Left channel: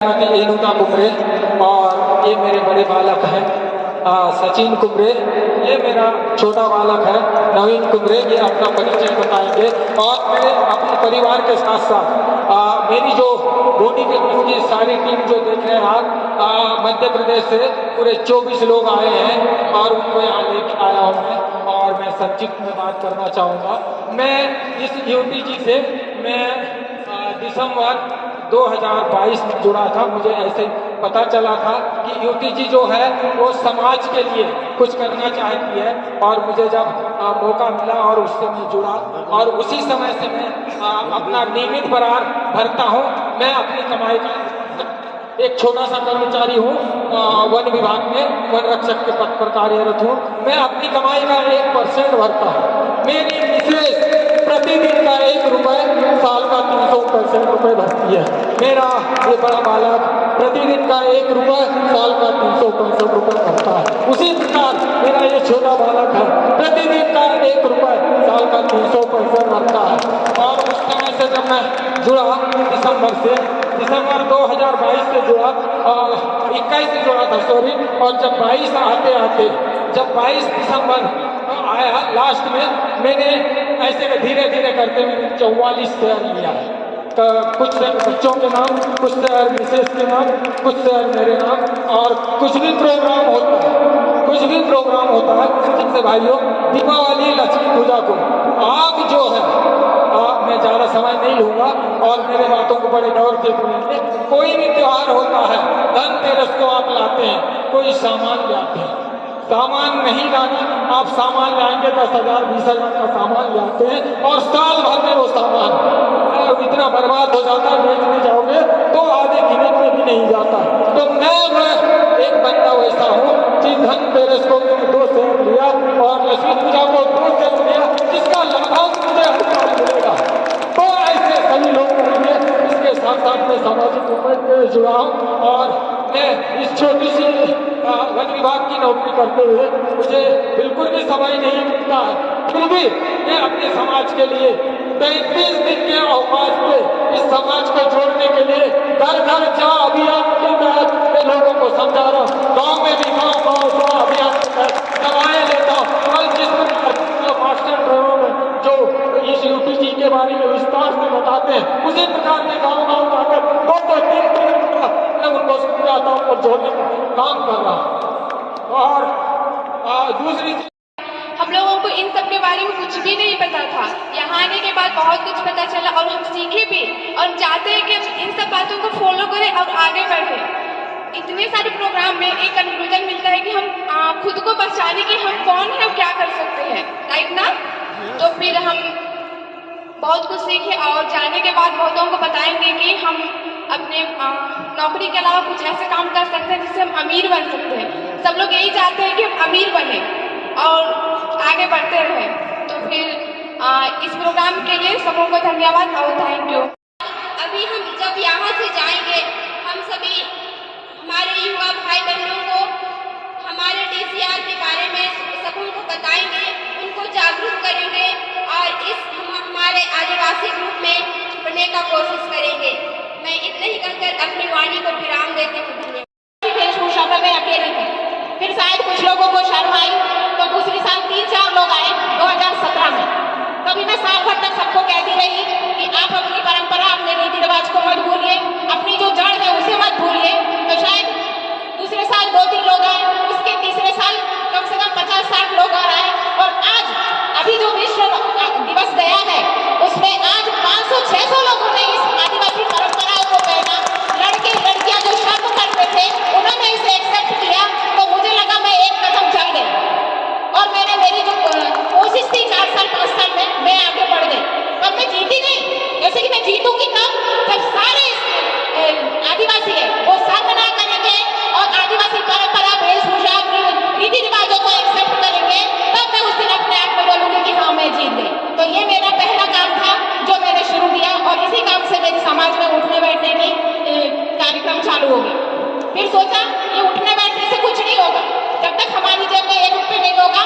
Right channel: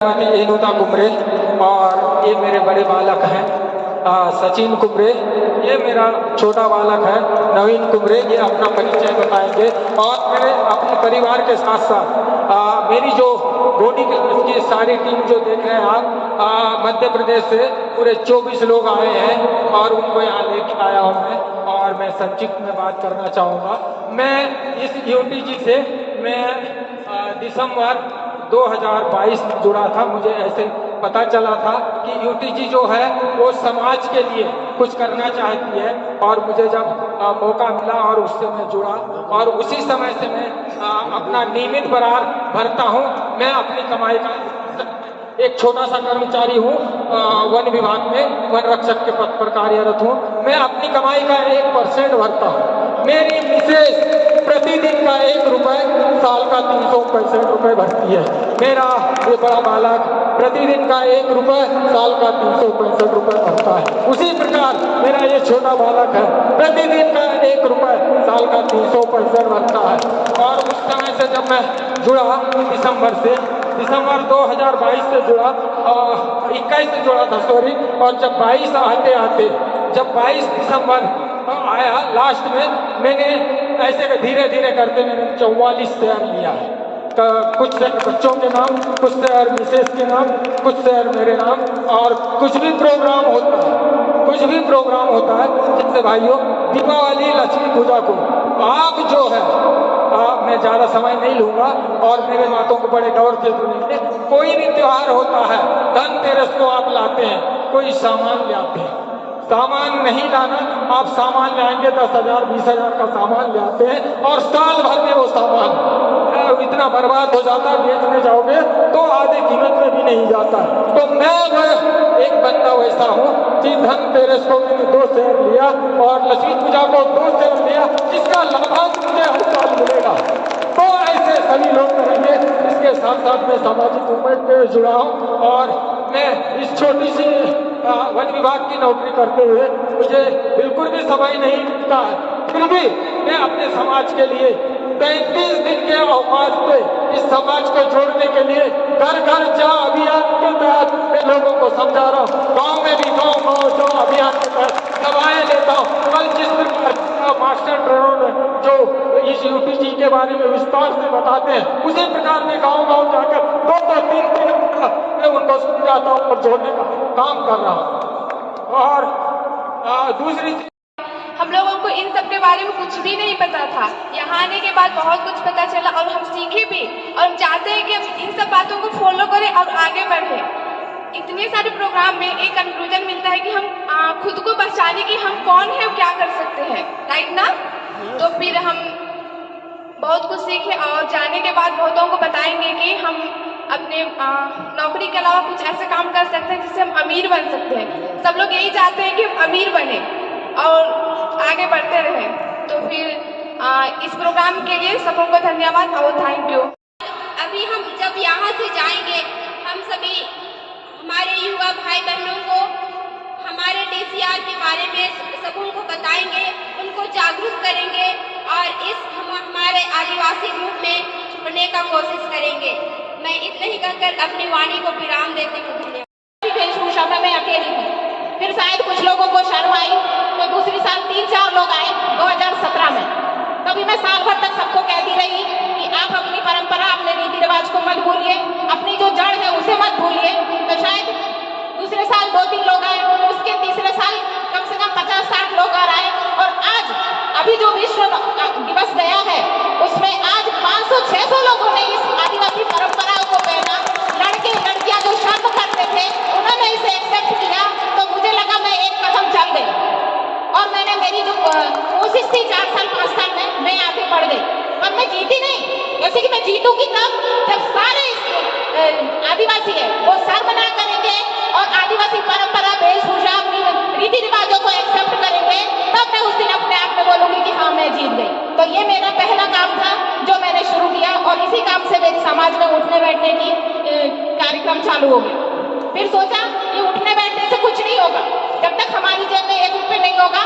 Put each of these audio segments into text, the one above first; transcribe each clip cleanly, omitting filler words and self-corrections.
एनुता कुमरे और ये मेरे बड़े बालक हैं सचिन कुमरे, ये मेरा छोटा बालक है नवीन कुमरे। ये अपना परिचय बताएंगे और मैं अपने परिवार के साथ साथ मेरी जो बॉडी बिल्डिंग की सारी टीम जो देख रहे हैं आप, मध्य प्रदेश से पूरे 24 लोग आए हैं और उनको यहाँ लेके आया हूँ मैं। और मैं संक्षिप्त में बात करना चाहूँगा। मैं इस यूटीजी से मैं दिसंबर 2022 में जुड़ा था। मुझे ऐसे पता चला था कि यूटीजी जो है वो समाज के लिए कुछ करना चाहती है और मुझे जब मौका मिला और उससे मैं जुड़ा और उसी समय से मैं अपना नियमित बरार भरता हूँ। मैं अपनी कमाई का एक छोटा सा कर्मचारी हूँ, वन विभाग में वन रक्षक के पद पर कार्यरत हूँ। मैं अपनी कमाई का 1% भरता हूँ। मेरी मिसेज प्रतिदिन का 1 रुपये, साल का 365 रुपये भरती है। मेरा ये बड़ा बालक प्रतिदिन का 1 रुपये, साल का 365 रुपये भरता है। उसी प्रकार मेरा ये छोटा बालक है, प्रतिदिन का 1 रुपये, साल का 365 भरता है। और उस समय से जब मैं जुड़ा दिसंबर 2022 से जुड़ा, 21 से जुड़ा था सॉरी। और जब 22 जब 22 दिसंबर आया लास्ट में, मैंने ऐसे धीरे धीरे करके मैंने 44 शेयर लिया है। तो कुछ बच्चों के नाम, कुछ शेयर मिसेस के नाम, कुछ शेयर मेरे नाम। और कुछ भी प्रोग्राम होता है जिससे भाइयों दीपावली लक्ष्मी पूजा को आप जो है मैं ज़्यादा समय नहीं लूँगा और मेरे बातों को बड़े गौर से सुनेंगे। कोई भी त्योहार होता है, धनतेरस को आप लाते हैं, कोई सामान ले आते हैं। सामान नहीं लाना, आप सामान लाएंगे 10,000 20,000 का सामान ले आते हैं और साल भर में वो सामान इतना बर्बाद हो जाता है, बेचने जाओगे तो आधे कीमत में भी नहीं जाता। तो मैं वह एक बंदा वैसा हूँ कि धनतेरस को मैंने 2 शेयर लिया और लक्ष्मी पूजा को 2 शेयर लिया, जिसका लगभग मुझे हर साल मिलेगा। तो ऐसे सभी लोग करेंगे। इसके साथ साथ मैं सामाजिक मूवमेंट में जुड़ा हूँ और मैं इस छोटी सी वन विभाग की नौकरी करते हुए मुझे बिल्कुल भी समय नहीं मिलता है, फिर भी मैं अपने समाज के लिए 35 दिन के अवकाश पे इस समाज को जोड़ने के लिए घर घर जा अभियान के तहत मैं लोगों को समझा रहा हूँ। गाँव में भी गाँव अभियान के तहत सभाएं लेता हूँ। कल जिस मास्टर ट्रेनरों में जो इस यूटीजी के बारे में विस्तार से बताते हैं, उसी प्रकार में गाँव जाकर 2-3 घंटा मैं उनको समझाता हूँ और जोड़ने का काम कर रहा हूँ। और दूसरी हम लोगों को इन सब के बारे में कुछ भी नहीं पता था। यहाँ आने के बाद बहुत कुछ पता चला और हम सीखे भी और हम चाहते हैं कि इन सब बातों को फॉलो करें और आगे बढ़ें। इतने सारे प्रोग्राम में एक कंक्लूजन मिलता है कि हम खुद को पहचाने कि हम कौन है, क्या कर सकते हैं, राइट ना। तो फिर हम बहुत कुछ सीखे और जाने के बाद बहुतों को बताएंगे कि हम अपने नौकरी के अलावा कुछ ऐसे काम कर सकते हैं जिससे हम अमीर बन सकते हैं। सब लोग यही चाहते हैं कि हम अमीर बने और आगे बढ़ते रहे। तो फिर इस प्रोग्राम के लिए सबों को धन्यवाद और थैंक यू। अभी हम जब यहाँ से जाएंगे, हम सभी हमारे युवा भाई बहनों को हमारे डीसीआर के बारे में सबों को बताएंगे, उनको जागरूक करेंगे और हम हमारे आदिवासी ग्रुप में जुड़ने का कोशिश करेंगे। मैं इतना ही कहकर अपनी वाणी को विराम देती हूँ। वेशभूषा में मैं अकेली थी, फिर शायद कुछ लोगों को शर्म आई, तो दूसरी साल 3-4 लोग आए 2017 में। तभी मैं साल भर तक सबको कहती रही कि आप अपनी परंपरा, अपने रीति रिवाज को मत भूलिए, अपनी जो जड़ है उसे मत भूलिए। तो शायद दूसरे साल 2-3 लोग आए, उसके तीसरे साल कम से कम 50-60 लोग आ रहे हैं। और आज अभी जो विश्व दिवस गया है उसमें आज 500-600 लोगों ने इस आदिवासी परंपराओं को पहना। लड़के लड़कियां जो शर्म करते थे उन्होंने इसे एक्सेप्ट किया। तो मुझे लगा मैं एक कदम चल गई और मैंने मेरी जो कोशिश थी 4-5 साल में, मैं आगे बढ़ गई। और मैं जीती नहीं, जैसे कि मैं जीतूंगी तब जब सारे आदिवासी है वो शर्म ना करेंगे और आदिवासी परंपरा, वेशभूषा, रीति रिवाजों को एक्सेप्ट करेंगे, तब मैं उस दिन अपने आप में बोलूंगी कि हाँ मैं जीत गई। तो ये मेरा पहला काम था जो मैंने शुरू किया और इसी काम से मेरे समाज में उठने बैठने की कार्यक्रम चालू हो गई। फिर सोचा ये उठने बैठने से कुछ नहीं होगा, जब तक हमारी जेब में 1 रुपये नहीं होगा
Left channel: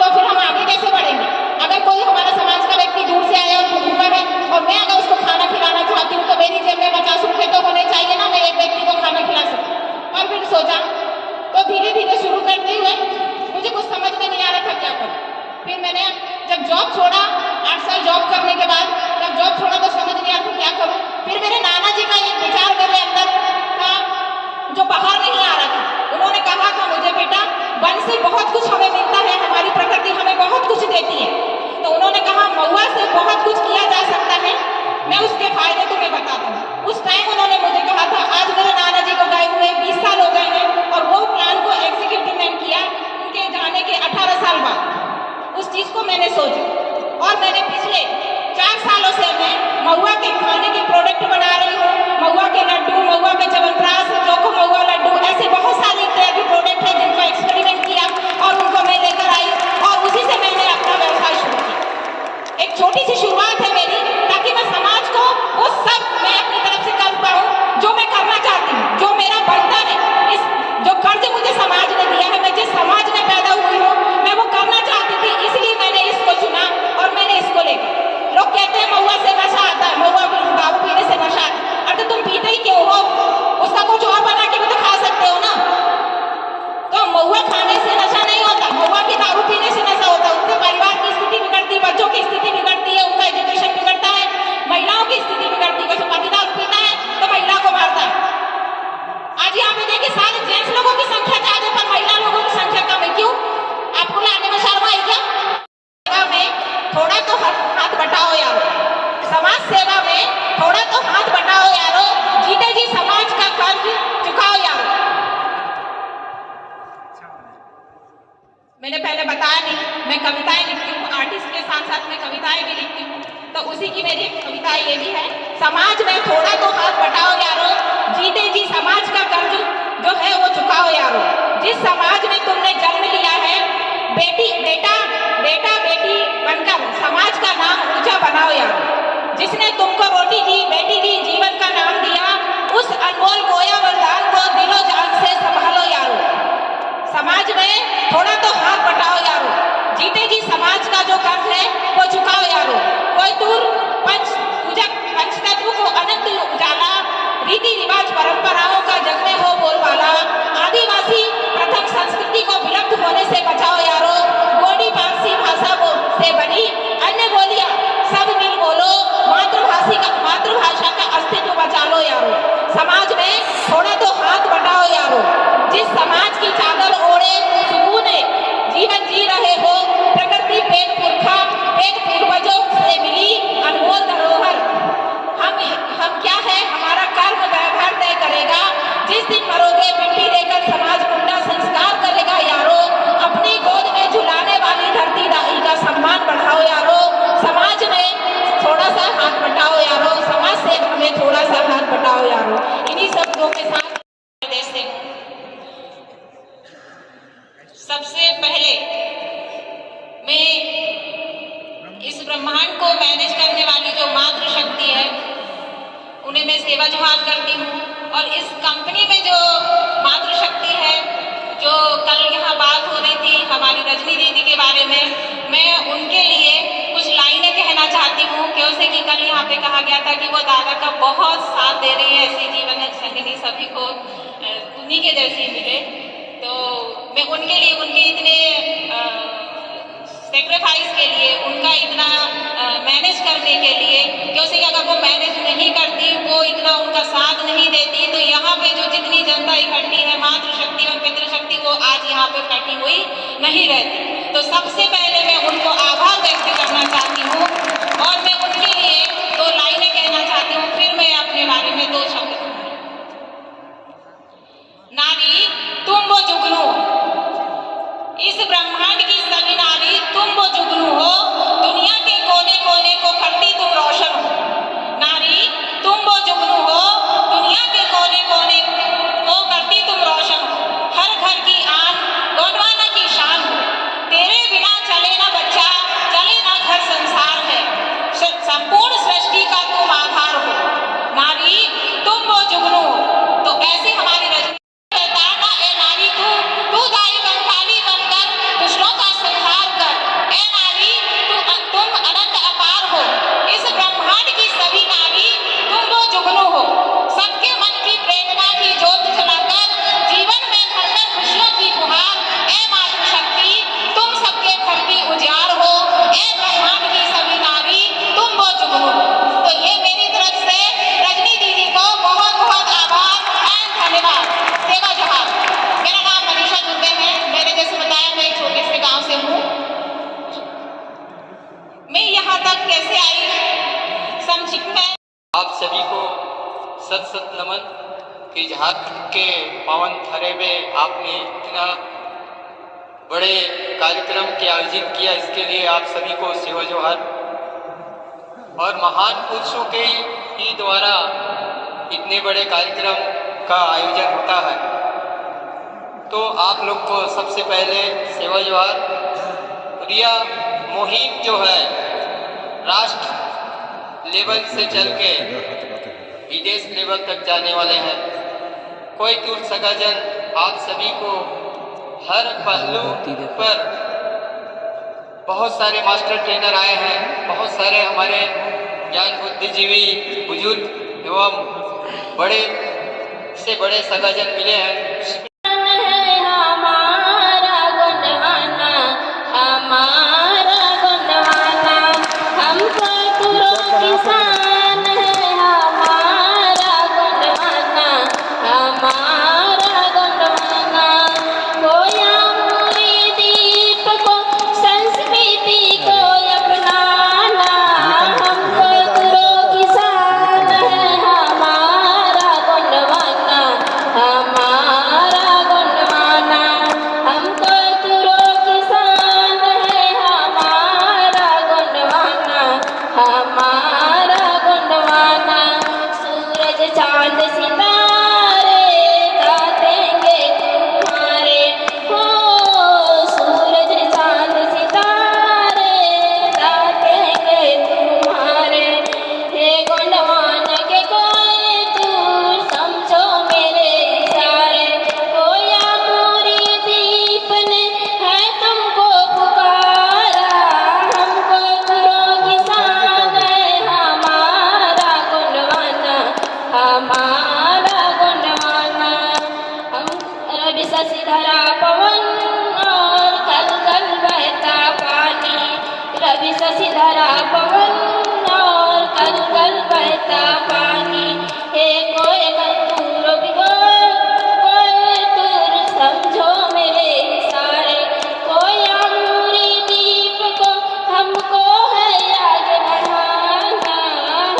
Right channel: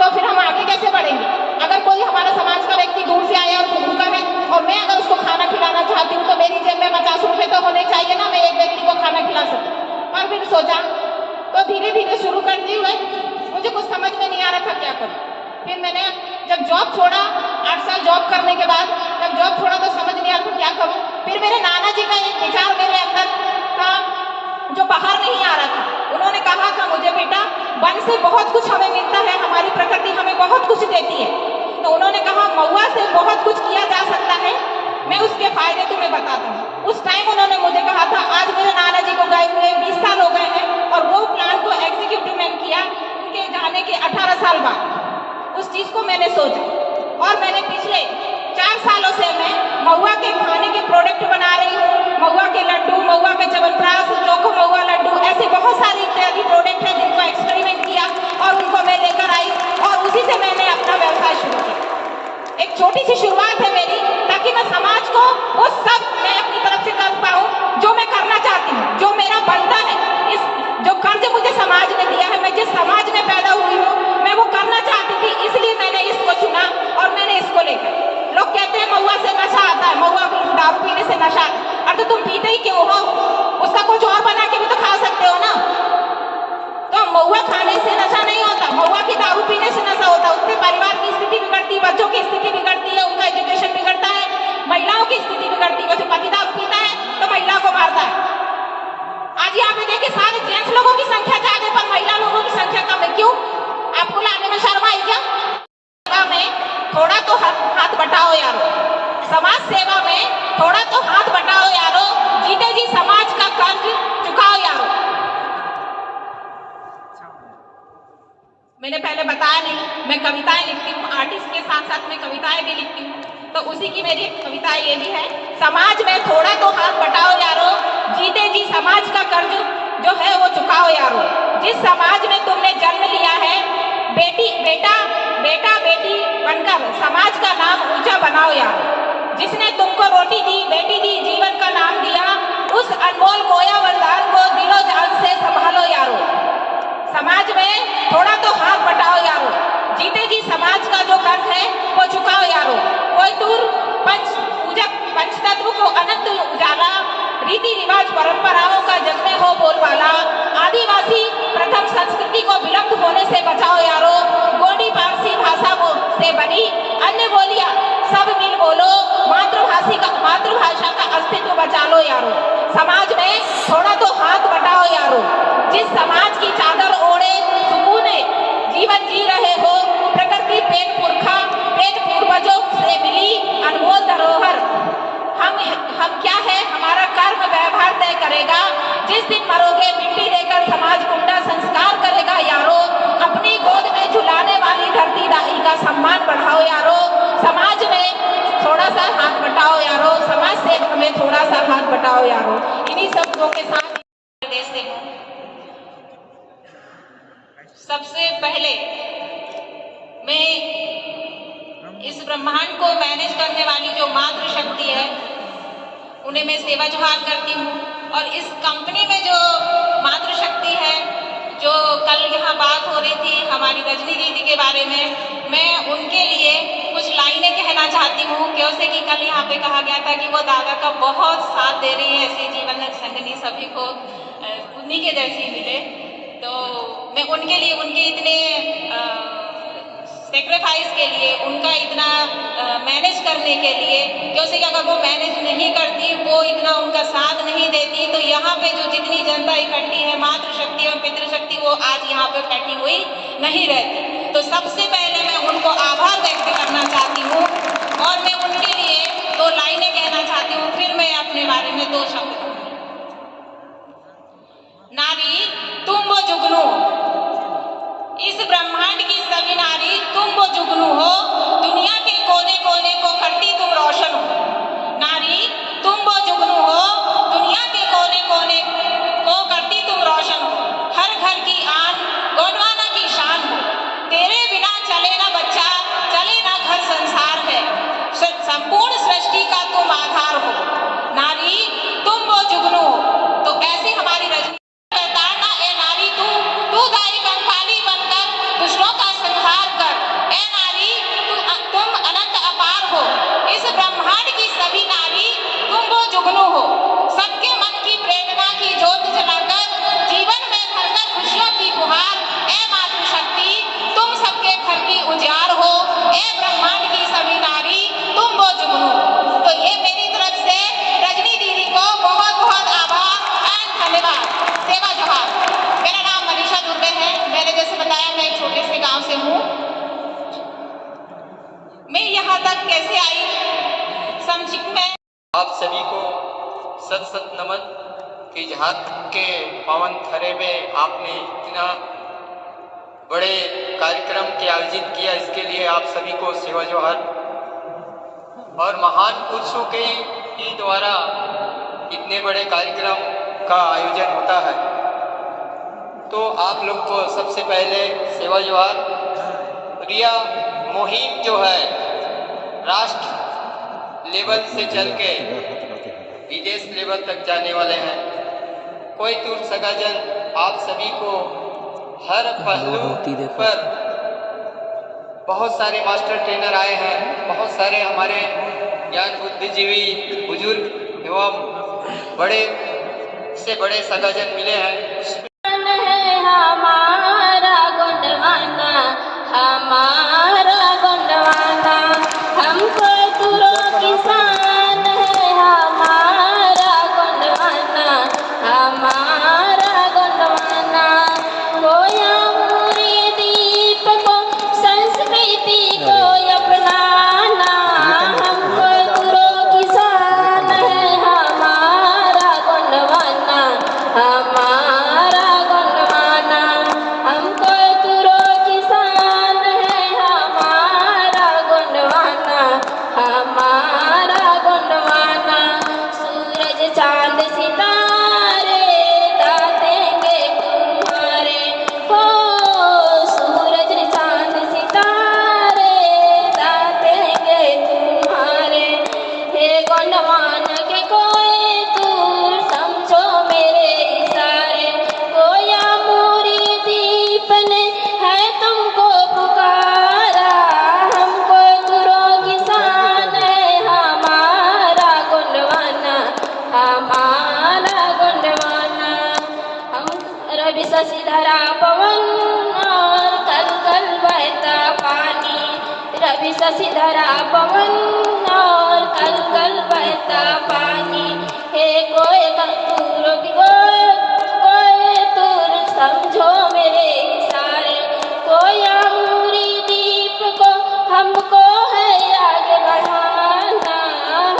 तो फिर हम आगे कैसे बढ़ेंगे। अगर कोई हमारा समाज का व्यक्ति दूर से आया तो भूखा है और मैं अगर उसको खाना खिलाना चाहती हूँ तो मेरी जेब में 50 रुपये तो होने चाहिए ना। मैं एक व्यक्ति को धीरे धीरे शुरू करते हुए मुझे कुछ समझ में नहीं आ रहा था क्या करूं। फिर मैंने जब जॉब छोड़ा, 8 साल जॉब करने के बाद जब जॉब छोड़ा तो समझ नहीं आ रहा था क्या करूं। फिर मेरे नाना जी का एक विचार मेरे अंदर था जो बाहर नहीं आ रहा था। उन्होंने कहा था मुझे, बेटा वन से बहुत कुछ हमें मिलता है, हमारी प्रकृति हमें बहुत कुछ देती है। तो उन्होंने कहा महुआ से बहुत कुछ किया जा सकता है, मैं उसके फायदे तुम्हें बताता हूँ। उस टाइम उन्होंने मुझे कहा था, आज मेरे नाना जी को गए हुए 20 साल हो गए हैं और वो प्लान को एग्जीक्यूटिव में किया उनके जाने के 18 साल बाद। उस चीज को मैंने सोचा और मैंने पिछले 4 सालों से मैं महुआ के खाने के प्रोडक्ट बना रही हूँ। महुआ के लड्डू, महुआ के च्यवनप्राश, चोखो महुआ लड्डू, ऐसे बहुत सारी इत्यादि प्रोडक्ट है जिनको एक्सपेरिमेंट किया और उनको मैं लेकर आई और उसी से मैंने अपना व्यवसाय शुरू किया। एक छोटी सी शुरुआत है मेरी, ताकि मैं समाज को वो सब मैं अपनी तरफ से कर पाऊँ जो मैं करना चाहती हूँ, जो मेरा बंधन है। इस जो कर्ज मुझे समाज ने दिया है, मैं जिस समाज में पैदा हुई हूँ, मैं वो करना चाहती थी, इसलिए मैंने इसको चुना और मैंने इसको लेकर। लोग कहते हैं महुआ से नशा आता है, महुआ दारू पीने से नशा आता है। अरे तुम पीते ही क्यों हो? उसका कुछ और बना के भी तो खा सकते हो ना। तो महुआ खाने से नशा नहीं होता, महुआ की दारू पीने से नशा होता है। उससे परिवार की स्थिति बिगड़ती है, बच्चों की स्थिति बिगड़ती है, उनका एजुकेशन बिगड़ता है, महिलाओं की स्थिति बिगड़ती है। पति दारू पीता है तो महिला को मारता है। आज यहाँ पे देखिए सारे जेंट्स लोगों की संख्या ज्यादा पर महिला लोगों की संख्या कम है। क्यों? आपको लाने में शर्म आई क्या? सेवा में थोड़ा तो हाथ बटाओ यारो, समाज सेवा में थोड़ा तो हाथ बटाओ यारो, जीते जी समाज का कर्ज चुकाओ यारो। मैंने पहले बताया नहीं, मैं कविताएं लिखती हूँ, आर्टिस्ट के साथ साथ मैं कविताएं भी लिखती हूँ। तो उसी की मेरी एक कविता ये भी है, समाज में थोड़ा तो हाथ बटाओ यारो, जीते जी समाज का कर्ज जो है वो चुकाओ यारो। जिस समाज में तुमने जन्म लिया है, बेटा बेटी बनकर समाज का नाम ऊंचा बनाओ यारो। जिसने तुमको रोटी दी, बेटी दी, जीवन का नाम दिया, उस अनमोल खोया वरदान को दिलो जान से संभालो यारो। समाज में थोड़ा तो हाथ बटाओ यारो, जीते जी समाज का जो कर्ज है वो चुकाओ यारो। कोई दूर पंचतत्व को अनंत उजाला, रीति रिवाज परंपराओं का जग में हो बोलबाला, आदिवासी प्रथम संस्कृति को विलुप्त होने से बचाओ यारो। गोंडी पारसी भाषा से बनी अन्य बोलियां सब मिल बोलो, मातृभाषा का अस्तित्व बचा लो यारो। समाज में थोड़ा तो हाथ बटाओ यारो। जिस समाज की चादर ओढ़े सुकून जीवन जी रहे हो, प्रकृति पेट पूर्वजों से मिली अनमोल धरोहर। हम क्या है, हमारा कर्म व्यवहार तय करेगा। जिस दिन मरोगे मिट्टी देकर समाज कुंडा संस्कार करेगा यारो। अपनी गोद में झुलाने वाली धरती दाई का सम्मान बढ़ाओ यारो। समाज में थोड़ा सा हाथ बटाओ यारो, समाज सेवा में थोड़ा सा हाथ बटाओ यारो। इन्हीं शब्दों के साथ प्रदेश से सबसे पहले मैं इस ब्रह्मांड को मैनेज करने वाली जो मातृशक्ति है उन्हें मैं सेवा जोहार करती हूँ। और इस कंपनी में जो मातृशक्ति है, जो कल यहाँ बात हो रही थी हमारी रजनी दीदी के बारे में, मैं उनके लिए कुछ लाइनें कहना चाहती हूँ। क्योंकि कि कल यहाँ पे कहा गया था कि वो दादा का बहुत साथ दे रही है, ऐसी जीवन संगिनी सभी को उन्हीं के जैसी मिले। तो मैं उनके लिए, उनके इतने सेक्रीफाइस के लिए, उनका इतना मैनेज करने के लिए, क्योंकि अगर वो मैनेज नहीं करती, वो इतना उनका साथ नहीं देती, तो यहाँ पे जो जितनी जनता इकट्ठी है, मातृशक्ति और पितृशक्ति, वो आज यहाँ पे इकट्ठी हुई नहीं रहती। तो सबसे पहले मैं उनको आभार व्यक्त करना चाहती हूँ और मैं उनके लिए 2 लाइनें कहना चाहती हूँ। फिर मैं अपने बारे में 2 शब्द कहूँगी। नारी तुम वो जुगनू, इस ब्रह्मांड की सभी नारी तुम वो जुगनू हो, दुनिया के कोने कोने को करती तुम रोशन हो। नारी तुम वो जुगनू हो, दुनिया के कोने कोने को करती तुम रोशन हो। हर घर की आन गोंडवाना की शान हो, तेरे बिना चले ना बच्चा, चले ना घर संसार है, संपूर्ण सृष्टि का तुम आधार हो। नारी तुम वो कि झारखंड के पावन थरे में आपने इतना बड़े कार्यक्रम के आयोजित किया, इसके लिए आप सभी को सेवा जोहार। और महान पुरुषों के ही द्वारा इतने बड़े कार्यक्रम का आयोजन होता है, तो आप लोग को सबसे पहले सेवा जोहार। और यह मुहिम जो है राष्ट्र लेवल से चल के विदेश लेवल तक जाने वाले हैं। कोई दूर सगाजन आप सभी को हर पहलू पर बहुत सारे मास्टर ट्रेनर आए हैं, बहुत सारे हमारे ज्ञान बुद्धिजीवी बुजुर्ग एवं बड़े से बड़े सगाजन मिले हैं। धरा पवन और कल कल बहता पानी, रवि शशि धरा पवन और कल कल बहता पानी। हे कोई तुर समझो मेरे इशारे, कोई अमूरी दीप को हमको है आगे बढ़ाना,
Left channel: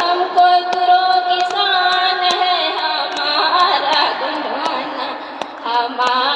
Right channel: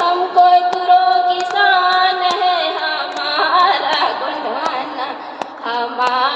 हमको तुरों की शान है हमारा गुणगाना, हमारा